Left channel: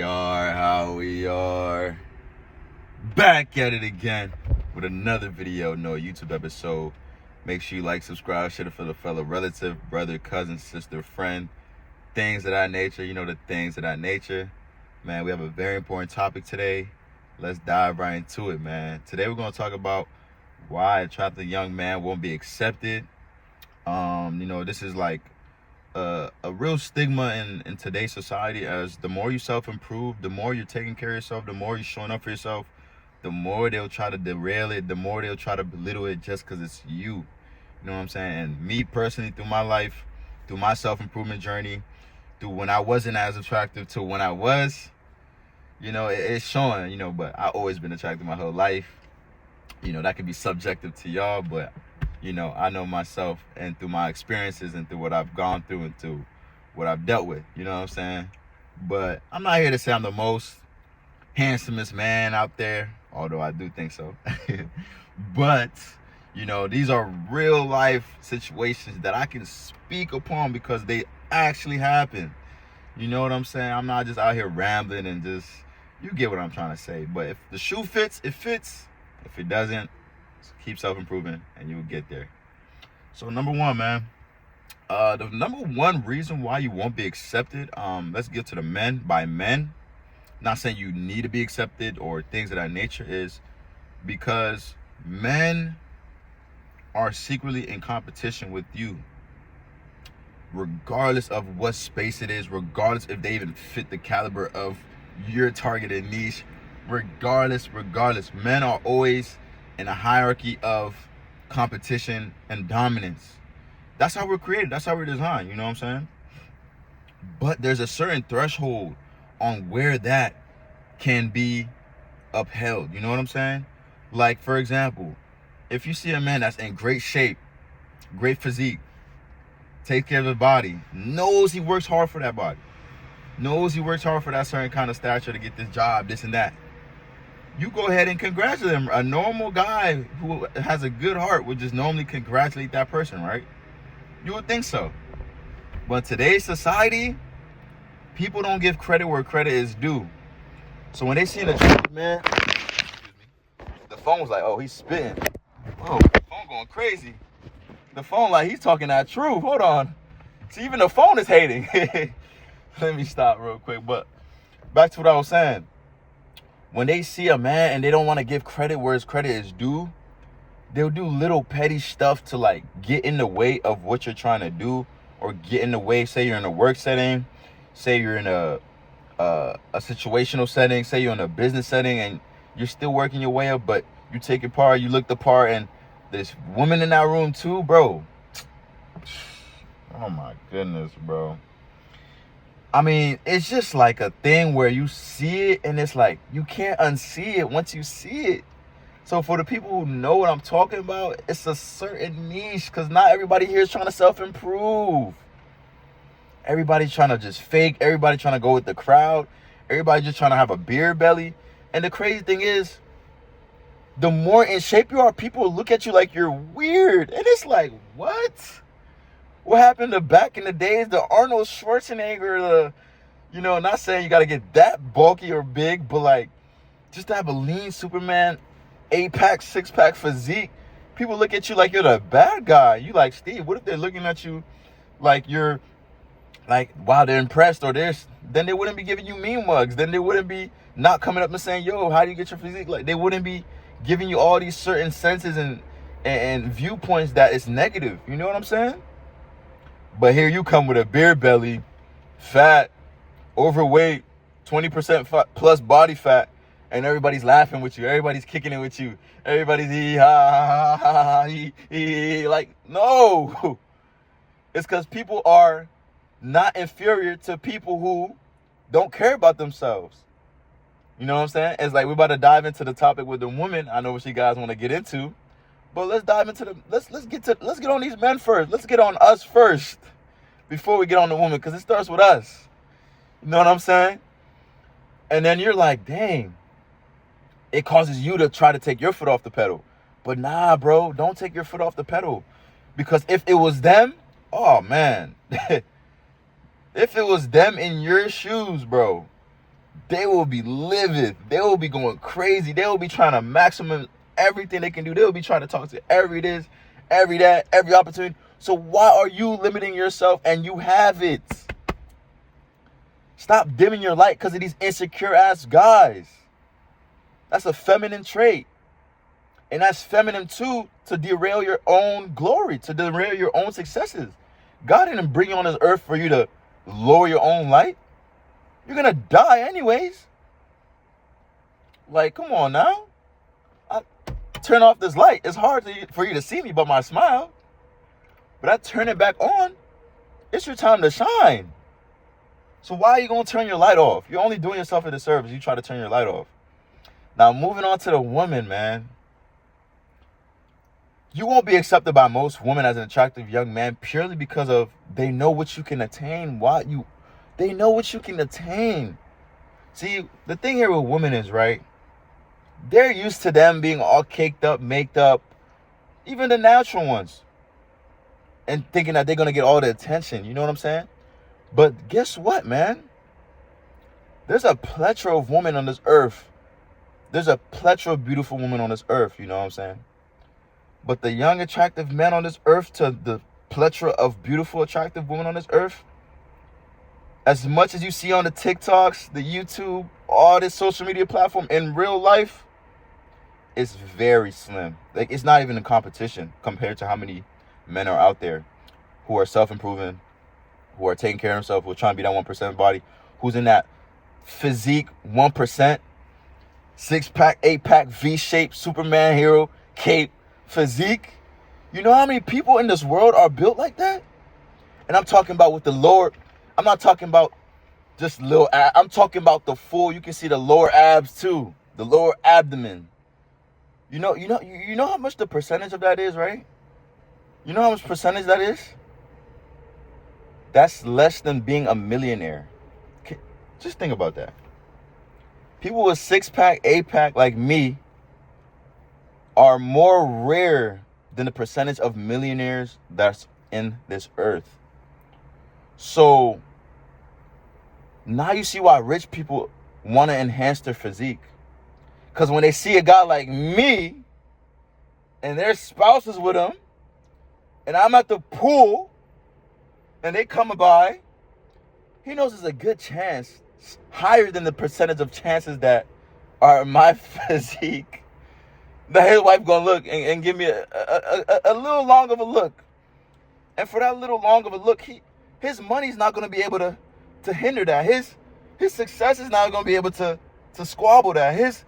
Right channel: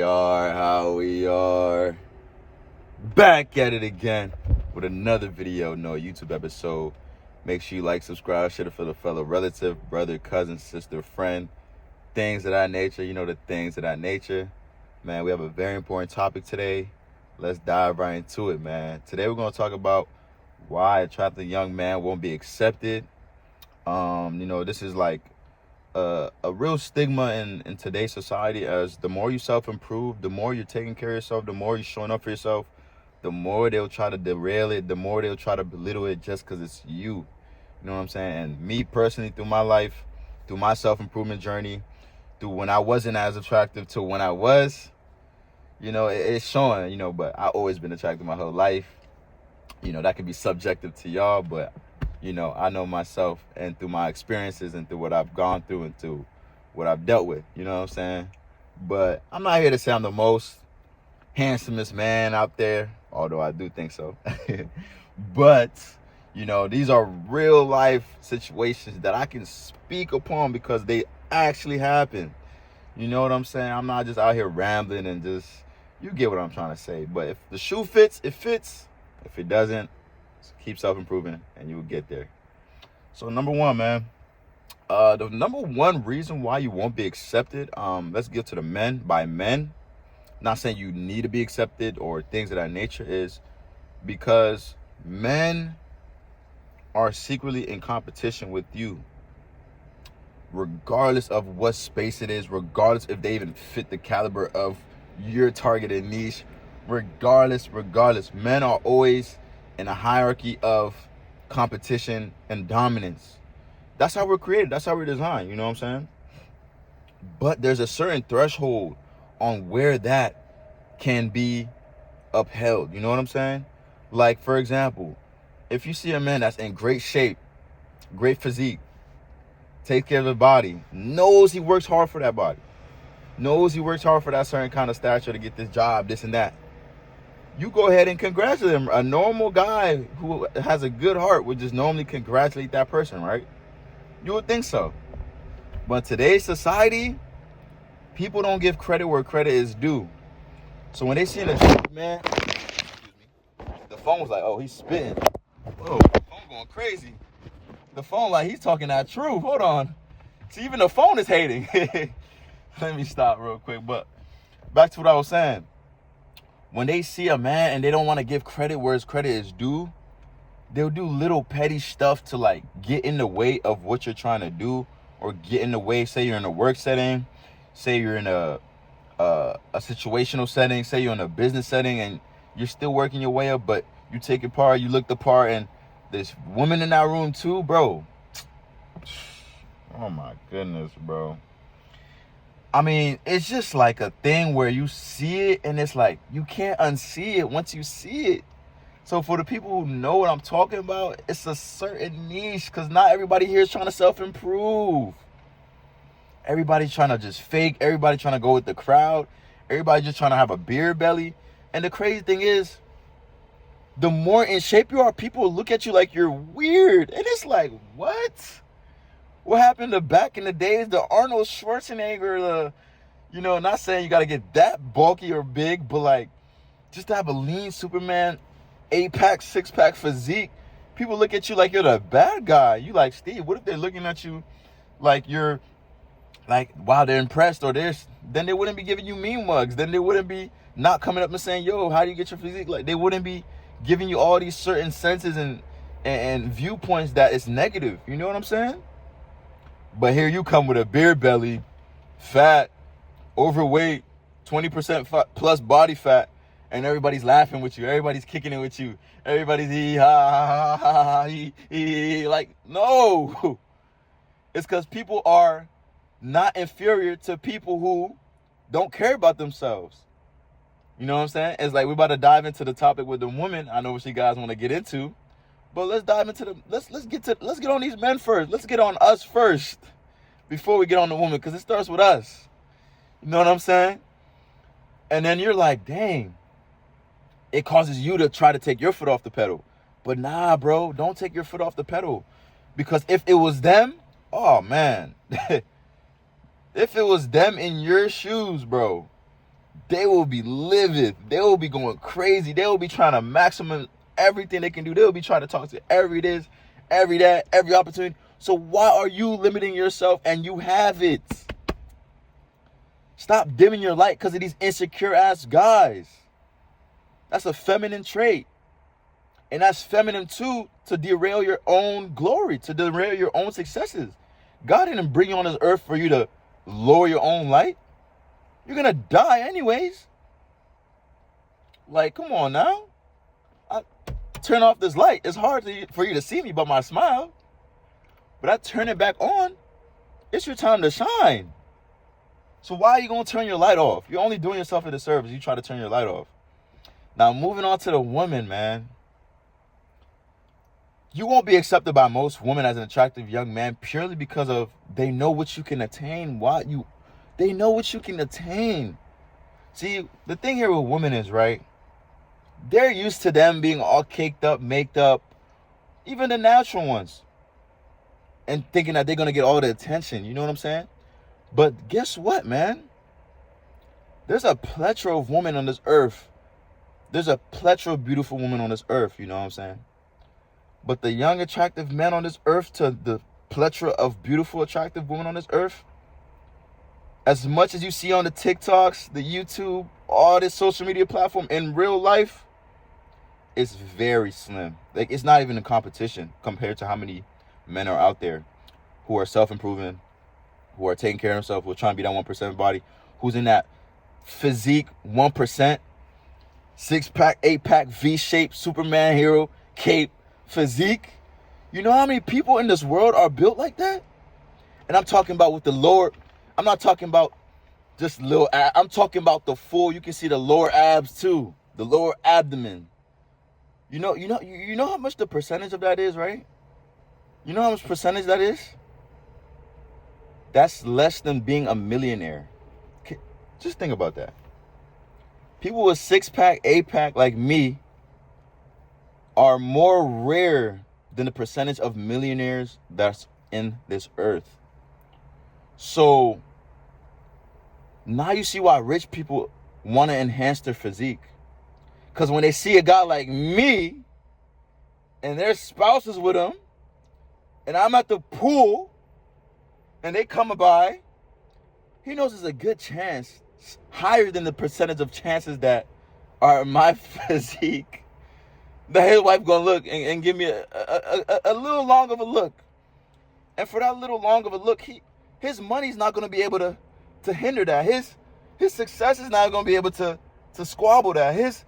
How we are back at it again with another video, YouTube episode. Make sure you like, subscribe, share it for the fellow relative, brother, cousin, sister, friend, things of that nature. The things of that nature. Man, we have a very important topic today. Let's dive right into it, man. Today we're going to talk about why attractive young man won't be accepted. This is like a real stigma in today's society, as the more you self-improve, the more you're taking care of yourself, the more you're showing up for yourself, the more they'll try to derail it, the more they'll try to belittle it just because it's you. You know what I'm saying? And me personally, through my life, through my self-improvement journey, through when I wasn't as attractive to when I was, it's showing, but I've always been attractive my whole life. That can be subjective to y'all, but I know myself, and through my experiences and through what I've gone through and through what I've dealt with, you know what I'm saying? But I'm not here to say I'm the most handsomest man out there, although I do think so. But, these are real life situations that I can speak upon because they actually happen. You know what I'm saying? I'm not just out here rambling and just, you get what I'm trying to say. But if the shoe fits, it fits. If it doesn't, keep self-improving and you will get there. So number one, man, the number one reason why you won't be accepted, let's get to the men. By men, not saying you need to be accepted or things of that nature, is because men are secretly in competition with you, regardless of what space it is, regardless if they even fit the caliber of your targeted niche, regardless, men are always in a hierarchy of competition and dominance. That's how we're created. That's how we're designed. You know what I'm saying? But there's a certain threshold on where that can be upheld. You know what I'm saying? Like, for example, if you see a man that's in great shape, great physique, takes care of his body, knows he works hard for that body, knows he works hard for that certain kind of stature to get this job, this and that, you go ahead and congratulate him. A normal guy who has a good heart would just normally congratulate that person, right? You would think so. But today's society, people don't give credit where credit is due. So when they see an attractive man, the phone's like, oh, he's spitting. Whoa, the phone going crazy. The phone like he's talking that truth. Hold on. See, even the phone is hating. Let me stop real quick. But back to what I was saying. When they see a man and they don't want to give credit where his credit is due, they'll do little petty stuff to like get in the way of what you're trying to do, or get in the way. Say you're in a work setting, say you're in a situational setting, say you're in a business setting and you're still working your way up, but you take your part, you look the part, and there's women in that room too, bro. Oh my goodness, bro. I mean, it's just like a thing where you see it and it's like you can't unsee it once you see it. So for the people who know what I'm talking about, it's a certain niche, because not everybody here is trying to self-improve. Everybody's trying to just fake. Everybody trying to go with the crowd. Everybody just trying to have a beer belly. And the crazy thing is, the more in shape you are, people look at you like you're weird. And it's like, what? What happened to back in the days, the Arnold Schwarzenegger, not saying you got to get that bulky or big, but like just to have a lean Superman 8-pack, 6-pack physique. People look at you like you're the bad guy. You like, Steve, what if they're looking at you like you're like, wow, they're impressed or this? Then they wouldn't be giving you mean mugs. Then they wouldn't be not coming up and saying, yo, how do you get your physique? Like, they wouldn't be giving you all these certain senses and viewpoints that is negative. You know what I'm saying? But here you come with a beer belly, fat, overweight, 20% plus body fat, and everybody's laughing with you. Everybody's kicking it with you. Everybody's ha ha ha ha. Like, no. It's because people are not inferior to people who don't care about themselves. You know what I'm saying? It's like we're about to dive into the topic with the woman. I know what you guys want to get into. But let's dive into let's get on these men first. Let's get on us first before we get on the woman, because it starts with us. You know what I'm saying? And then you're like, dang, it causes you to try to take your foot off the pedal. But nah, bro, don't take your foot off the pedal. Because if it was them, oh man, if it was them in your shoes, bro, they will be livid. They will be going crazy. They will be trying to maximum everything they can do. They will be trying to talk to every this, every that, every opportunity. So why are you limiting yourself and you have it? Stop dimming your light because of these insecure ass guys. That's a feminine trait. And that's feminine too, to derail your own glory, to derail your own successes. God didn't bring you on this earth for you to lower your own light. You're going to die anyways. Like, come on now. I turn off this light. It's hard for you to see me but my smile. But I turn it back on. It's your time to shine. So why are you going to turn your light off? You're only doing yourself a disservice. You try to turn your light off. Now, moving on to the woman, man. You won't be accepted by most women as an attractive young man purely because of they know what you can attain. They know what you can attain. See, the thing here with women is, right, they're used to them being all caked up, maked up, even the natural ones, and thinking that they're going to get all the attention. You know what I'm saying? But guess what, man? There's a plethora of women on this earth. There's a plethora of beautiful women on this earth. You know what I'm saying? But the young, attractive men on this earth to the plethora of beautiful, attractive women on this earth, as much as you see on the TikToks, the YouTube, all this social media platform, in real life, it's very slim. Like, it's not even a competition compared to how many men are out there who are self-improving, who are taking care of themselves, who are trying to be that 1% body, who's in that physique 1%, 6-pack, 8-pack, V-shaped, Superman hero, cape, physique. You know how many people in this world are built like that? And I'm talking about with the lower, I'm not talking about just little abs. I'm talking about the full, you can see the lower abs too, the lower abdomen. You know how much the percentage of that is, right? You know how much percentage that is? That's less than being a millionaire. Just think about that. People with 6-pack, 8-pack like me are more rare than the percentage of millionaires that's in this earth. So now you see why rich people want to enhance their physique. Because when they see a guy like me and their spouse is with them and I'm at the pool and they come by, he knows there's a good chance, higher than the percentage of chances that are my physique, that his wife gonna look and give me a little long of a look. And for that little long of a look, his money's not gonna be able to hinder that. His success is not gonna be able to squabble that. His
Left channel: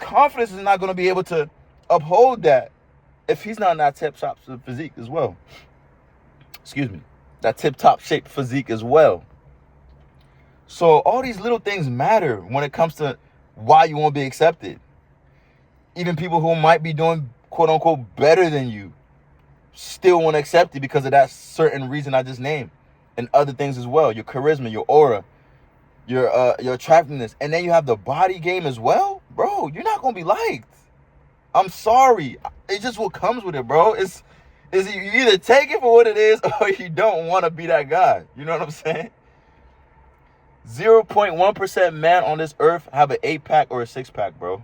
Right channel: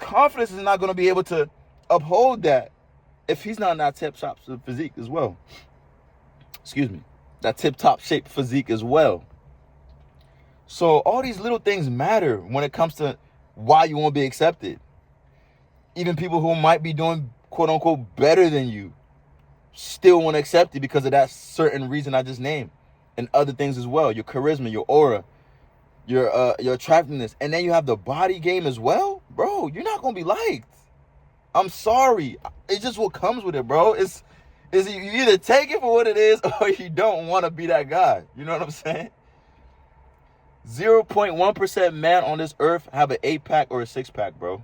confidence is not gonna be able to uphold that if he's not in that tip-top physique as well. Excuse me. That tip-top shaped physique as well. So all these little things matter when it comes to why you won't be accepted. Even people who might be doing quote unquote better than you still won't accept you because of that certain reason I just named. And other things as well. Your charisma, your aura, your attractiveness. And then you have the body game as well. Bro, you're not gonna be liked. I'm sorry. It's just what comes with it, bro. It's you either take it for what it is or you don't want to be that guy. You know what I'm saying? 0.1% men on this earth have an 8-pack or a 6-pack, bro.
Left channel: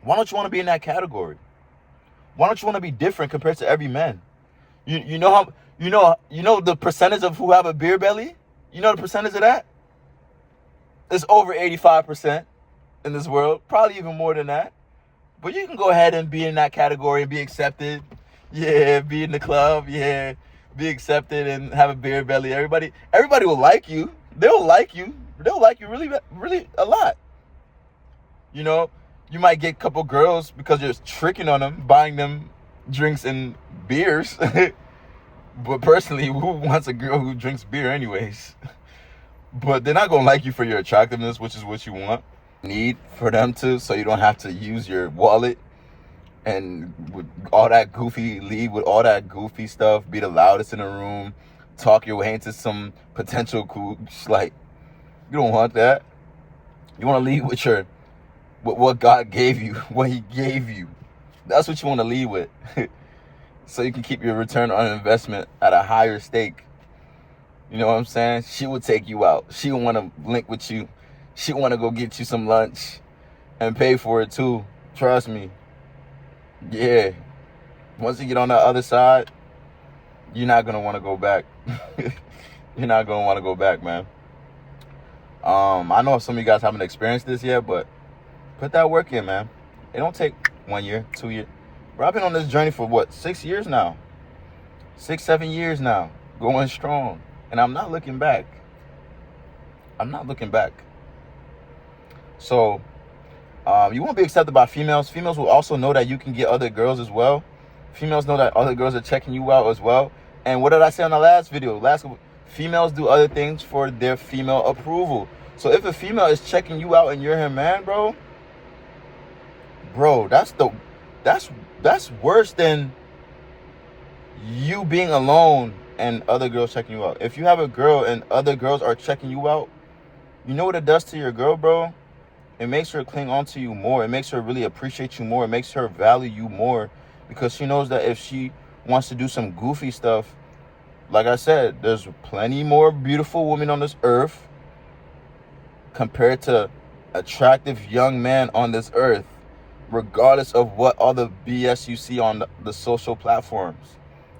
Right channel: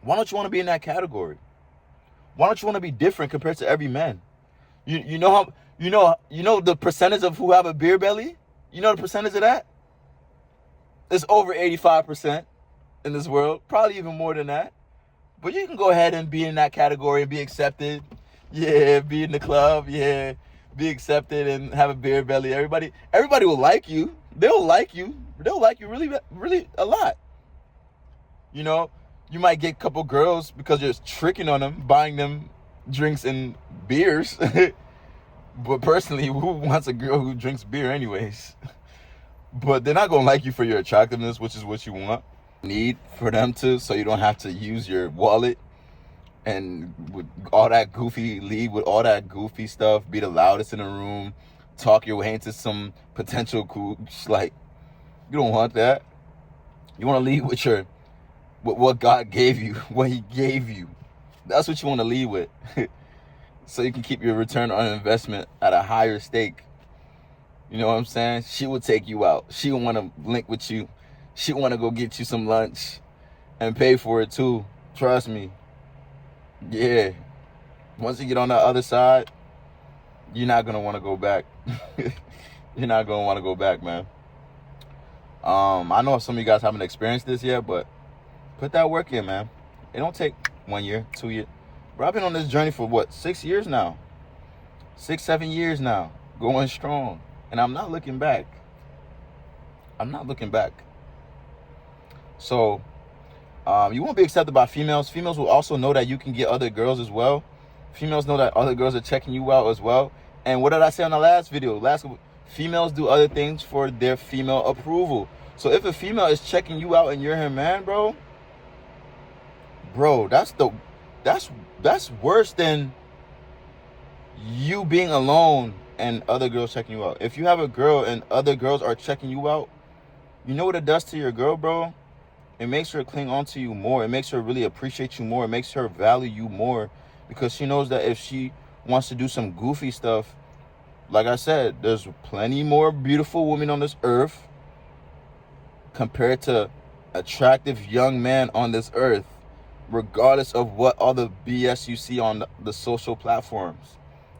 Why don't you want to be in that category? Why don't you want to be different compared to every man? You know the percentage of who have a beer belly? You know the percentage of that? It's over 85% in this world. Probably even more than that. But you can go ahead and be in that category and be accepted. Yeah, be in the club. Yeah, be accepted and have a beer belly. Everybody will like you. They'll like you. They'll like you really, really a lot. You know, you might get a couple girls because you're tricking on them, buying them drinks and beers. But personally, who wants a girl who drinks beer anyways? But they're not going to like you for your attractiveness, which is what you want. Need for them to, so you don't have to use your wallet and with all that goofy, lead with all that goofy stuff, be the loudest in the room, talk your way into some potential cooch. Like, you don't want that. You want to lead with what God gave you, what he gave you. That's what you want to lead with. So you can keep your return on investment at a higher stake. You know what I'm saying? She will take you out. She will want to link with you. She want to go get you some lunch and pay for it too. Trust me. Yeah. Once you get on the other side, you're not going to want to go back. You're not going to want to go back, man. I know some of you guys haven't experienced this yet, but put that work in, man. It don't take 1 year, 2 years. Bro, I've been on this journey for what, 6 years now? 6, 7 years now. Going strong. And I'm not looking back. I'm not looking back. So, you won't be accepted by females. Females will also know that you can get other girls as well. Females know that other girls are checking you out as well. And what did I say on the last video? Females do other things for their female approval. So if a female is checking you out and you're her man, bro, that's worse than you being alone and other girls checking you out. If you have a girl and other girls are checking you out, you know what it does to your girl, bro? It makes her cling on to you more. It makes her really appreciate you more. It makes her value you more, because she knows that if she wants to do some goofy stuff, like I said, there's plenty more beautiful women on this earth compared to attractive young men on this earth, regardless of what other BS you see on the social platforms.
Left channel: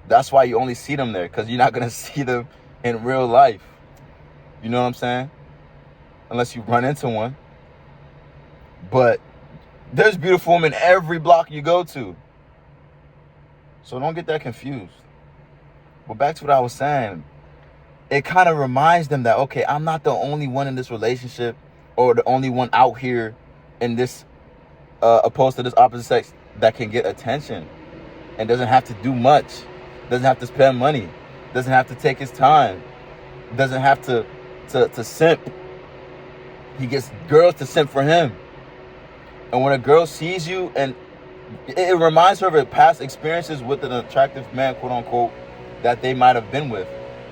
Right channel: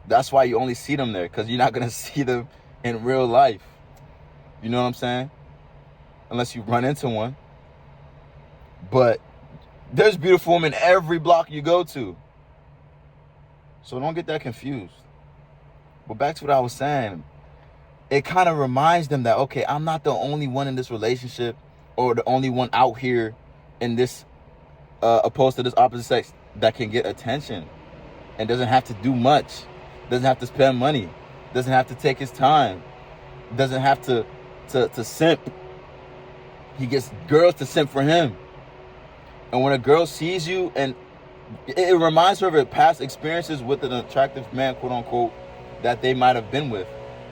That's why you only see them there, because you're not going to see them in real life. You know what I'm saying? Unless you run into one. But there's beautiful women every block you go to. So don't get that confused. But back to what I was saying. It kind of reminds them that, okay, I'm not the only one in this relationship or the only one out here in this, opposed to this opposite sex, that can get attention and doesn't have to do much. Doesn't have to spend money. Doesn't have to take his time. Doesn't have to simp. He gets girls to simp for him. And when a girl sees you, and it reminds her of her past experiences with an attractive man, quote unquote, that they might have been with,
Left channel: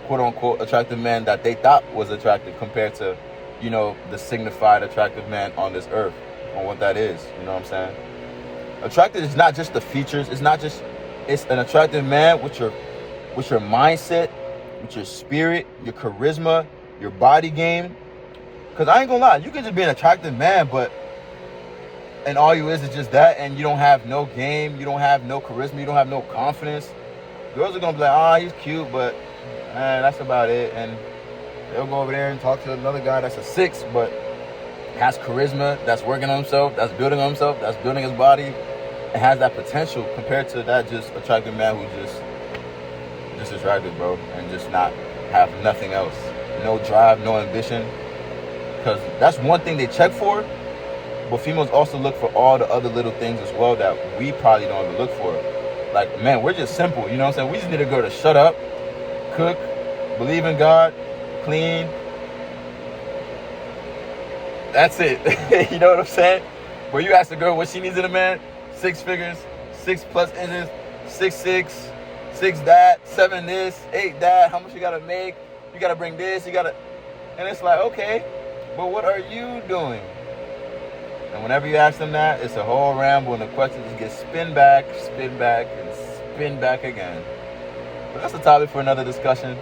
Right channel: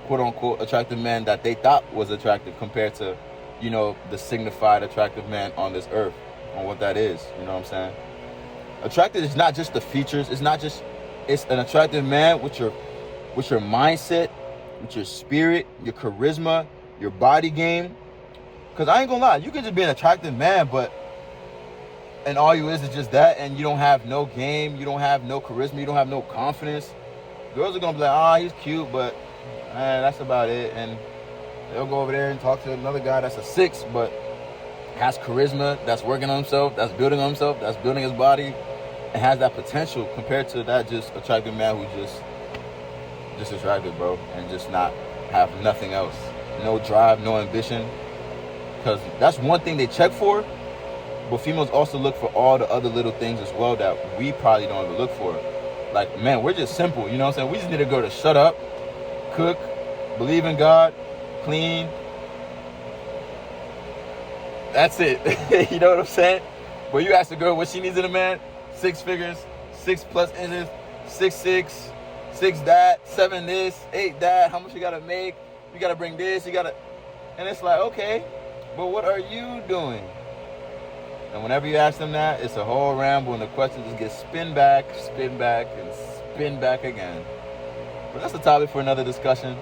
quote unquote, attractive man that they thought was attractive compared to, you know, the signified attractive man on this earth, on what that is. You know what I'm saying? Attractive is not just the features. It's an attractive man with your mindset, with your spirit, your charisma, your body game. Because I ain't gonna lie, you can just be an attractive man, and all you is just that, and you don't have no game, you don't have no charisma, you don't have no confidence. Girls are gonna be like, he's cute, but that's about it. And they'll go over there and talk to another guy that's a 6, but has charisma, that's working on himself, that's building on himself, that's building his body, and has that potential, compared to that just attractive man who's just attractive, bro, and just not have nothing else. No drive, no ambition. Because that's one thing they check for, but females also look for all the other little things as well that we probably don't even look for. Like, man, we're just simple, you know what I'm saying? We just need a girl to shut up, cook, believe in God, clean. That's it. You know what I'm saying? Where you ask a girl what she needs in a man, 6 figures, 6+ inches, 6'6", 6 that, 7 this, 8 that, how much you gotta make, you gotta bring this, and it's like, okay, but what are you doing? And whenever you ask them that, it's a whole ramble, and the question just gets spin back, and spin back again. But that's a topic for another discussion.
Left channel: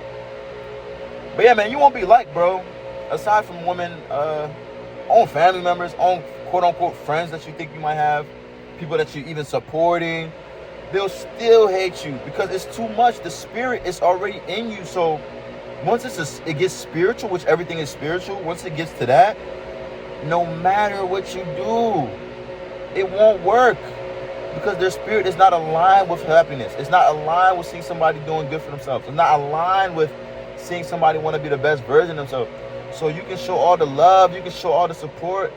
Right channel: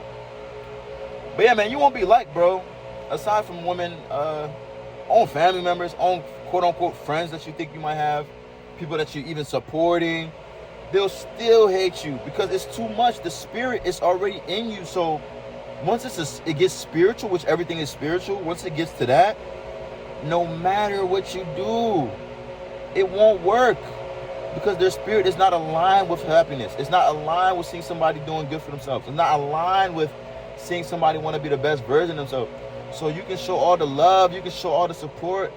But yeah, man, you won't be liked, bro. Aside from women, own family members, own quote-unquote friends that you think you might have, people that you're even supporting, they'll still hate you because it's too much. The spirit is already in you. So once it gets spiritual, which everything is spiritual, once it gets to that, no matter what you do, it won't work, because their spirit is not aligned with happiness. It's not aligned with seeing somebody doing good for themselves. It's not aligned with seeing somebody want to be the best version of themselves. So you can show all the love, you can show all the support,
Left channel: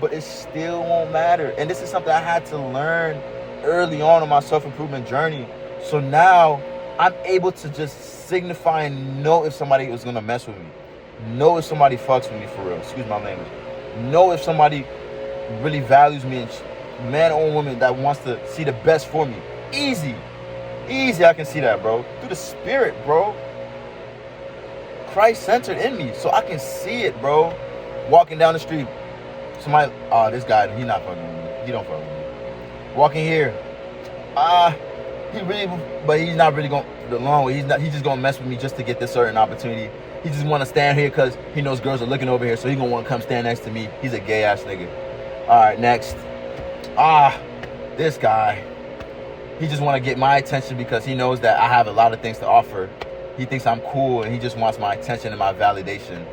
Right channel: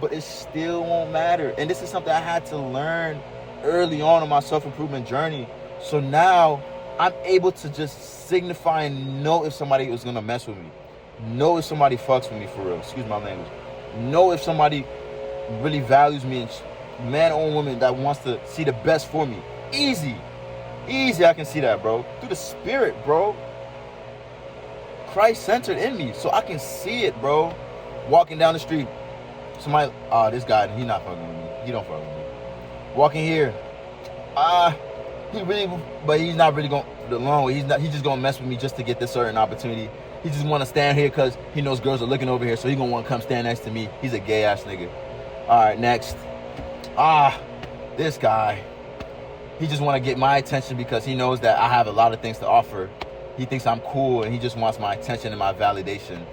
but it still won't matter. And this is something I had to learn early on my self-improvement journey. So now I'm able to just signify and know if somebody is going to mess with me. Know if somebody fucks with me for real. Excuse my language. Know if somebody really values me, and man or woman that wants to see the best for me. Easy I can see that, bro, through the spirit, bro. Christ centered in me, so I can see it, bro. Walking down the street, somebody, this guy, he not fucking with me, he don't fuck with me. Walking here, he really, but he's not really going the long way. He's just gonna mess with me just to get this certain opportunity. He just want to stand here because he knows girls are looking over here, so he gonna want to come stand next to me. He's a gay ass nigga. All right, next. This guy. He just want to get my attention because he knows that I have a lot of things to offer. He thinks I'm cool, and he just wants my attention and my validation.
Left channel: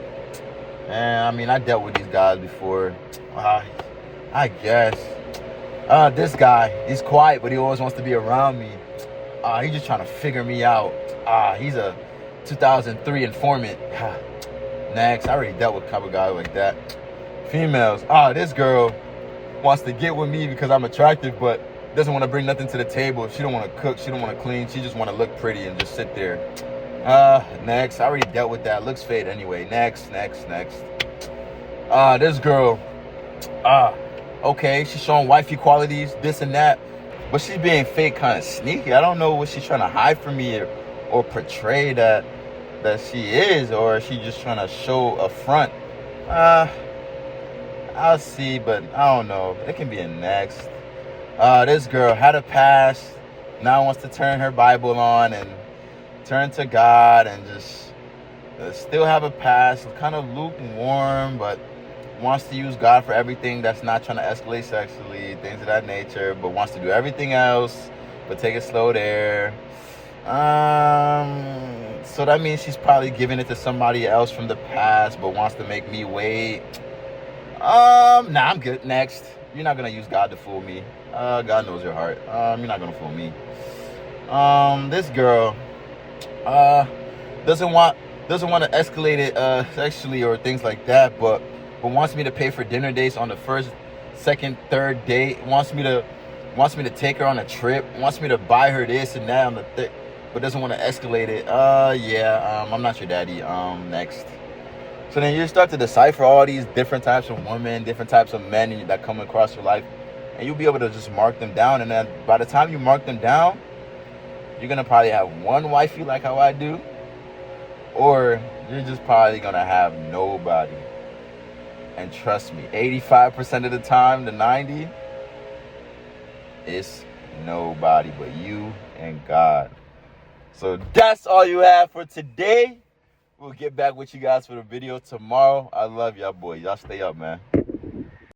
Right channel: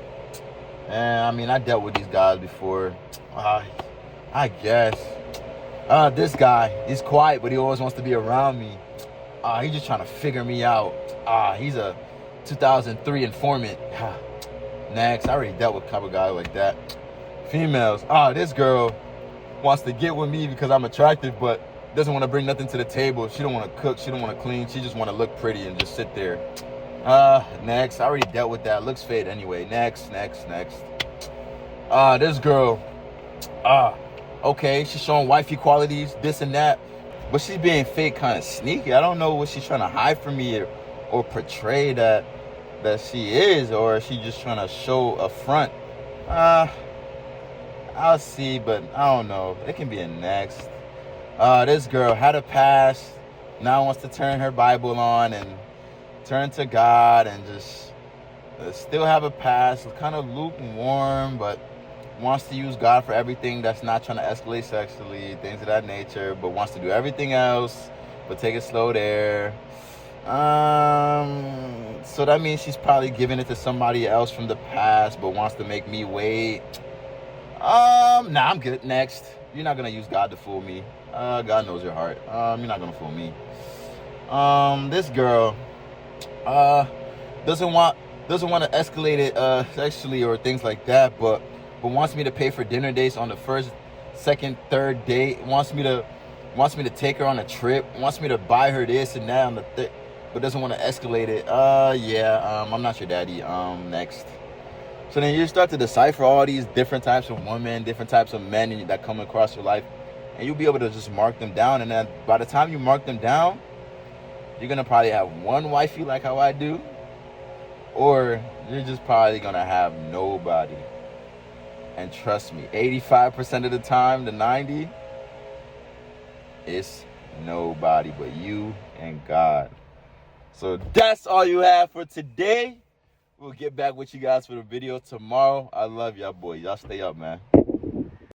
And I mean, I dealt with these guys before. I guess. This guy, he's quiet, but he always wants to be around me. He's just trying to figure me out. He's a 2003 informant. Next, I already dealt with a couple guys like that. Females. This girl wants to get with me because I'm attractive, but doesn't want to bring nothing to the table. She don't want to cook. She don't want to clean. She just want to look pretty and just sit there. Next, I already dealt with that. Looks fade anyway. Next. This girl. Okay, she's showing wifey qualities, this and that, but she's being fake, kind of sneaky. I don't know what she's trying to hide from me or portray that she is, or is she just trying to show a front. I'll see, but I don't know. It can be a next. This girl had a past, now wants to turn her Bible on and turn to God and just still have a past, kind of lukewarm, but wants to use God for everything that's not trying to escalate sexually, things of that nature, but wants to do everything else, but take it slow there. So that means she's probably giving it to somebody else from the past, but wants to make me wait. Nah, I'm good. Next. You're not gonna use God to fool me. God knows your heart. You're not gonna fool me. This girl, doesn't want to escalate it sexually or things like that, but wants me to pay for dinner dates on the first, second, third date. Wants me to take her on a trip. Wants me to buy her this and that on the third, but doesn't want to escalate it. I'm not your daddy. Next. So then you start to decipher all these different types of women, different types of men that come across your life, and you'll be able to just mark them down. And then by the time you mark them down, you're gonna probably have one wifey like how I do, or you're just probably gonna have nobody. And trust me, 85% of the time, the 90, it's nobody but you and God. So that's all you have for today. We'll get back with you guys for the video tomorrow. I love y'all boys. Y'all stay up, man.